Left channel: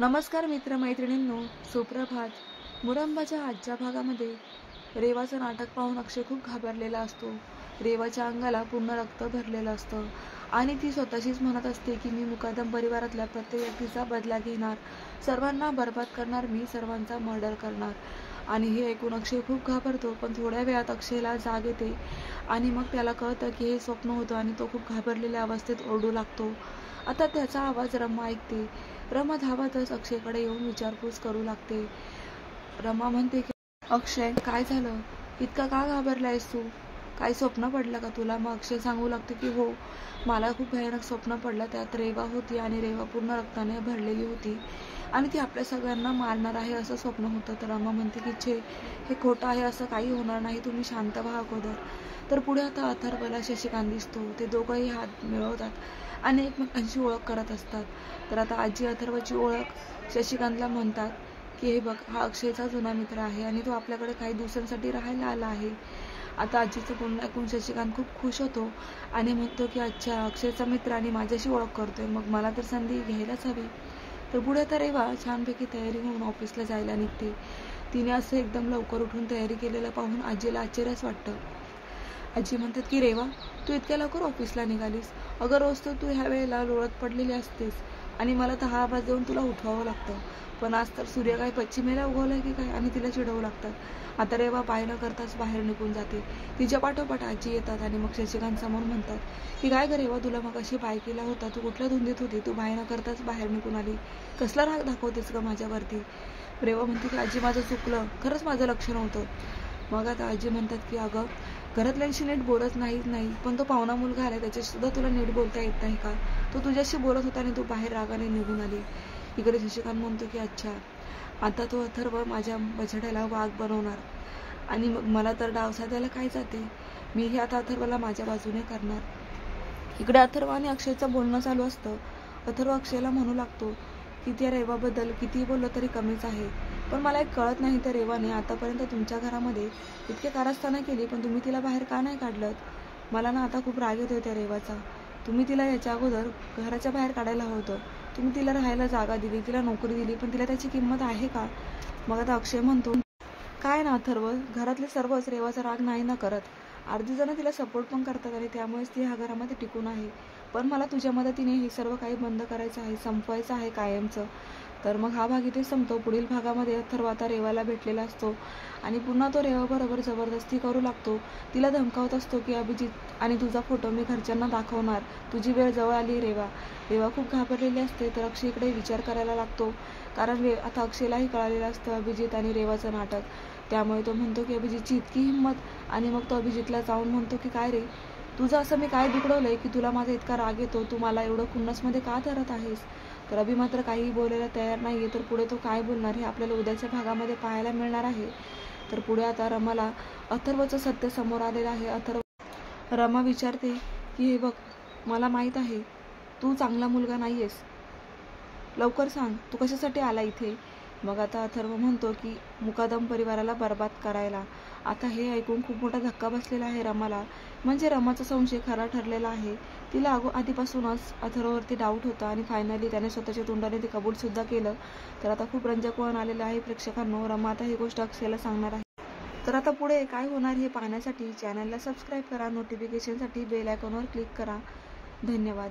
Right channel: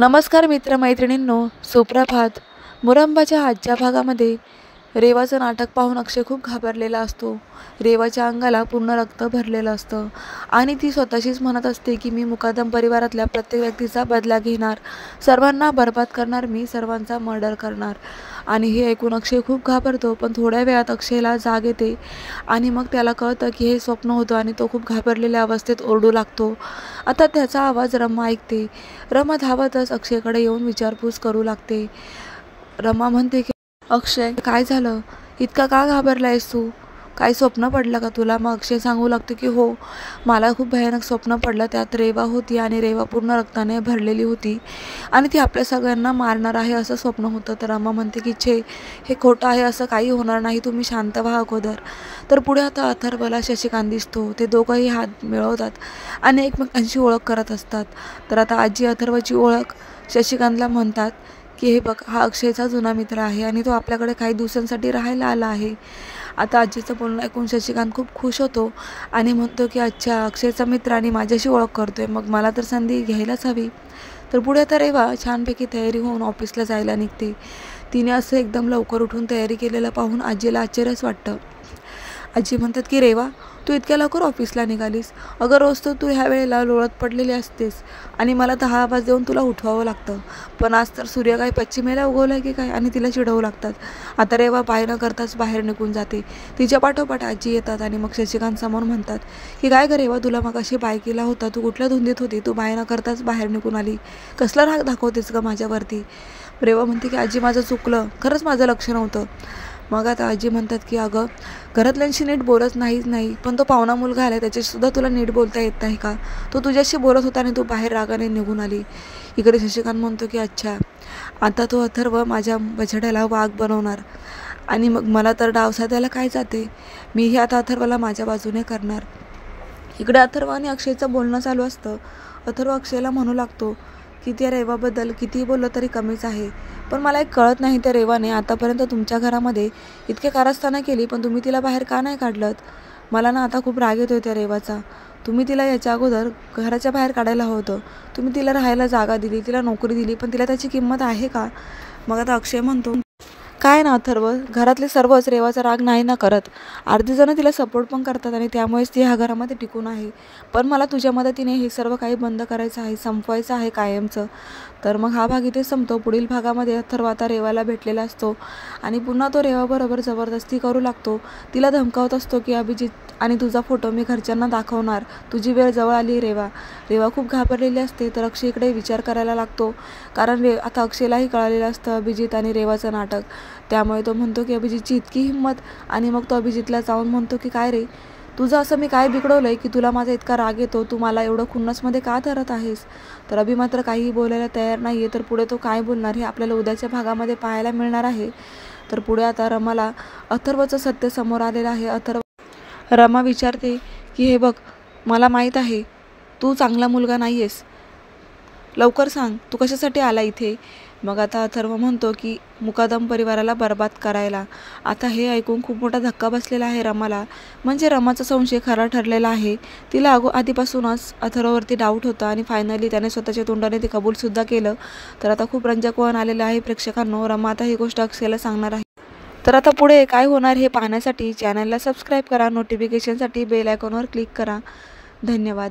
नमस्कार मित्रमैत्रिणींनो, सुप्रभात. मुरंबाच्या आजच्या भागामध्ये रेवाचं नाटक पाहून अक्षय खूप घाबरलेला असतो. रेवाच्या अंगाला पूर्ण रक्त भरलेलं असतं आणि ती स्वतःशीच म्हणत असते की मी मुकादम परिवारातल्या प्रत्येक व्यक्तीचा बदला घेणार, सर्वांना बरबाद करणार, मी सर्वांचा मर्डर करणार. आणि हे ऐकून अक्षय खूप घाबरतो. पण थोड्या वेळात अक्षयला जाग येते आणि मग त्याला कळतं की हे स्वप्न होतं आणि तो खूप घाबरलेल्या अवस्थेत ओरडू लागतो. आता त्याचा आवाज रमा ऐकते. रमा धावतच अक्षयकडे येऊन विचारपूस करू लागते. रमा म्हणते की अक्षय, काय झालं? इतका का घाबरलायस तू? काही स्वप्न पडलं का तुला? मग अक्षय सांगू लागतो की हो, मला खूप भयानक स्वप्न पडलं. त्यात रेवा होती आणि रेवा पूर्ण रक्ताने भरलेली होती आणि ती आपल्या सगळ्यांना मारणार आहे असं स्वप्न होतं. तर रमा म्हणते की छे, हे खोटं आहे, असं काही होणार नाही, तुम्ही शांत व्हा अगोदर. तर पुढे आता अथर्वला शशिकांत दिसतो. ते दोघंही हात मिळवतात आणि एकमेकांची ओळख करत असतात. तर आता आजी अथर्वची ओळख शशिकांतला म्हणतात की हे बघ, हा अक्षयचा जुना मित्र आहे आणि तो आपल्याकडे काही दिवसांसाठी राहायला आला आहे. आता आजीचं बोलणं ऐकून शशिकांत खूप खुश होतो आणि म्हणतो की अच्छा, अक्षयचा मित्र आणि माझ्याशी ओळख करतोय, मग मला तर संधी घ्यायलाच हवी. तर पुढे आता रेवा छानपैकी तयारी होऊन ऑफिसला जायला निघते. तिने असं एकदम लवकर उठून तयारी केलेलं पाहून आजीला आश्चर्यच वाटतं. आजी म्हणतात की रेवा, तू इतक्या लवकर ऑफिसला निघालीस? अगं, रोज तर तू ह्या वेळेला लोळत पडलेली असतेस आणि मला 10 आवाज देऊन तुला उठवावं लागतं. पण आज तर सूर्य काय पश्चिमेला उगवला की काय आणि तिला चिडवू लागतात. आता रेवा बाय न करताच बाहेर निघून जाते. तिच्या पाठोपाठ आजी येतात आणि मग शशिकांत समोर म्हणतात की काय गं रेवा, तुला मग अशी बाय केला होता, तू कुठल्या धुंदीत होती? तू बाय न करताच बाहेर निघून आली, कसला राग दाखवतेस गं माझ्यावरती? रेवा म्हणते की आजी, माझं चुकलं, खरंच माझं लक्ष नव्हतं. मग आता आजी म्हणतात की अगं, घरातल्यांशी नीट बोलत नाही, पण तो पाहुणा मुलगा आला, त्याच्याशीसुद्धा तुला नीट बोलता येत नाही का? तो तुझ्याशी बोलत होता आणि तू बाहेर रागाने निघून आली. इकडे शशिकांत म्हणतो की अच्छा, आता तो अथर्व माझ्या बछड्याला वाघ बनवणार आणि मग मला तर डाव साधायला काय जाते. मीही आता अथर्वला माझ्या बाजूने करणार. इकडे अथर्व आणि अक्षयचं बोलणं चालू असतं. अथर्व अक्षयला म्हणू लागतो की त्या रेवाबद्दल कितीही बोललं तरी कमीच आहे. पण मला एक कळत नाही, त्या रेवाने आतापर्यंत तुमच्या घरामध्ये इतके कारस्थानं केली, पण तुम्ही तिला बाहेर का नाही काढलं? मला ना आता खूप राग येतोय त्या रेवाचा. तुम्ही तिला याच्या अगोदर घराच्या बाहेर काढायला हवं होतं. तुम्ही तिला राहायला जागा दिली, तिला नोकरी दिली, पण तिला त्याची किंमत आहे का? मग आता अक्षय म्हणतो काय ना अथर्व, घरातले सर्वच रेवाचा राग नाही ना करत. अर्धी जणं तिला सपोर्ट पण करतात आणि त्यामुळेच ती ह्या घरामध्ये टिकून आहे. पण मला तुझ्या मदतीने हे सर्व काही बंद करायचं आहे, संपवायचं आहे कायमचं. तर मग हा भाग इथे संपतो. पुढील भागामध्ये अथर्व आता रेवाला भेटलेला असतो आणि पुन्हा तो रेवाबरोबर जबरदस्ती करू लागतो. तिला धमकावत असतो की अभिजित आणि तुझा फोटो मी घरच्यांना दाखवणार, तुझी वेळ जवळ आली रेवा. रेवा खूप घाबरलेली असते. तर अक्षय इकडे विचार करायला लागतो, कारण आता अक्षयलाही कळालेलं असतं अभिजित आणि रेवाचं नाटक. त्यामुळे तो म्हणतो की अभिजितची इतकी हिंमत. आणि मग तो अभिजितला जाऊन म्हणतो की काय रे, तुझं असं मी काय बिघडवलंय की तुला माझा इतका राग येतो? तू मला एवढं खुन्नसमध्ये का धरत आहेस? तर अभि मात्र काहीही बोलायला तयार नाही आहे. तर पुढे तो काय बोलणार हे आपल्याला उद्याच्या भागामध्ये पाहायला मिळणार आहे. तर पुढे आता रमाला अथर्वचं सत्य समोर आलेलं आहे. रमा विचारते की हे बघ, मला माहीत आहे तू चांगला मुलगा नाही आहेस, लवकर सांग तू कशासाठी आला इथे? मग आता अथर्व म्हणतो की मुकादम परिवाराला बरबाद करायला. आता हे ऐकून खूप मोठा धक्का बसलेला आहे रमाला. म्हणजे रमाचा संशय खरा ठरलेला आहे. तिला आधीपासूनच अथर्ववरती डाऊट होता आणि फायनली त्याने स्वतःच्या तोंडाने ते कबूलसुद्धा केलं. तर आता खूप रंजक वळण आलेलं आहे प्रेक्षकांनो. रमा आता ही गोष्ट अक्षयला सांगणार आहे. तर आता पुढे काय होणार हे पाहण्यासाठी चॅनलला सबस्क्राईब करा, नोटिफिकेशनसाठी बेल आयकॉनवर क्लिक करा. धन्यवाद.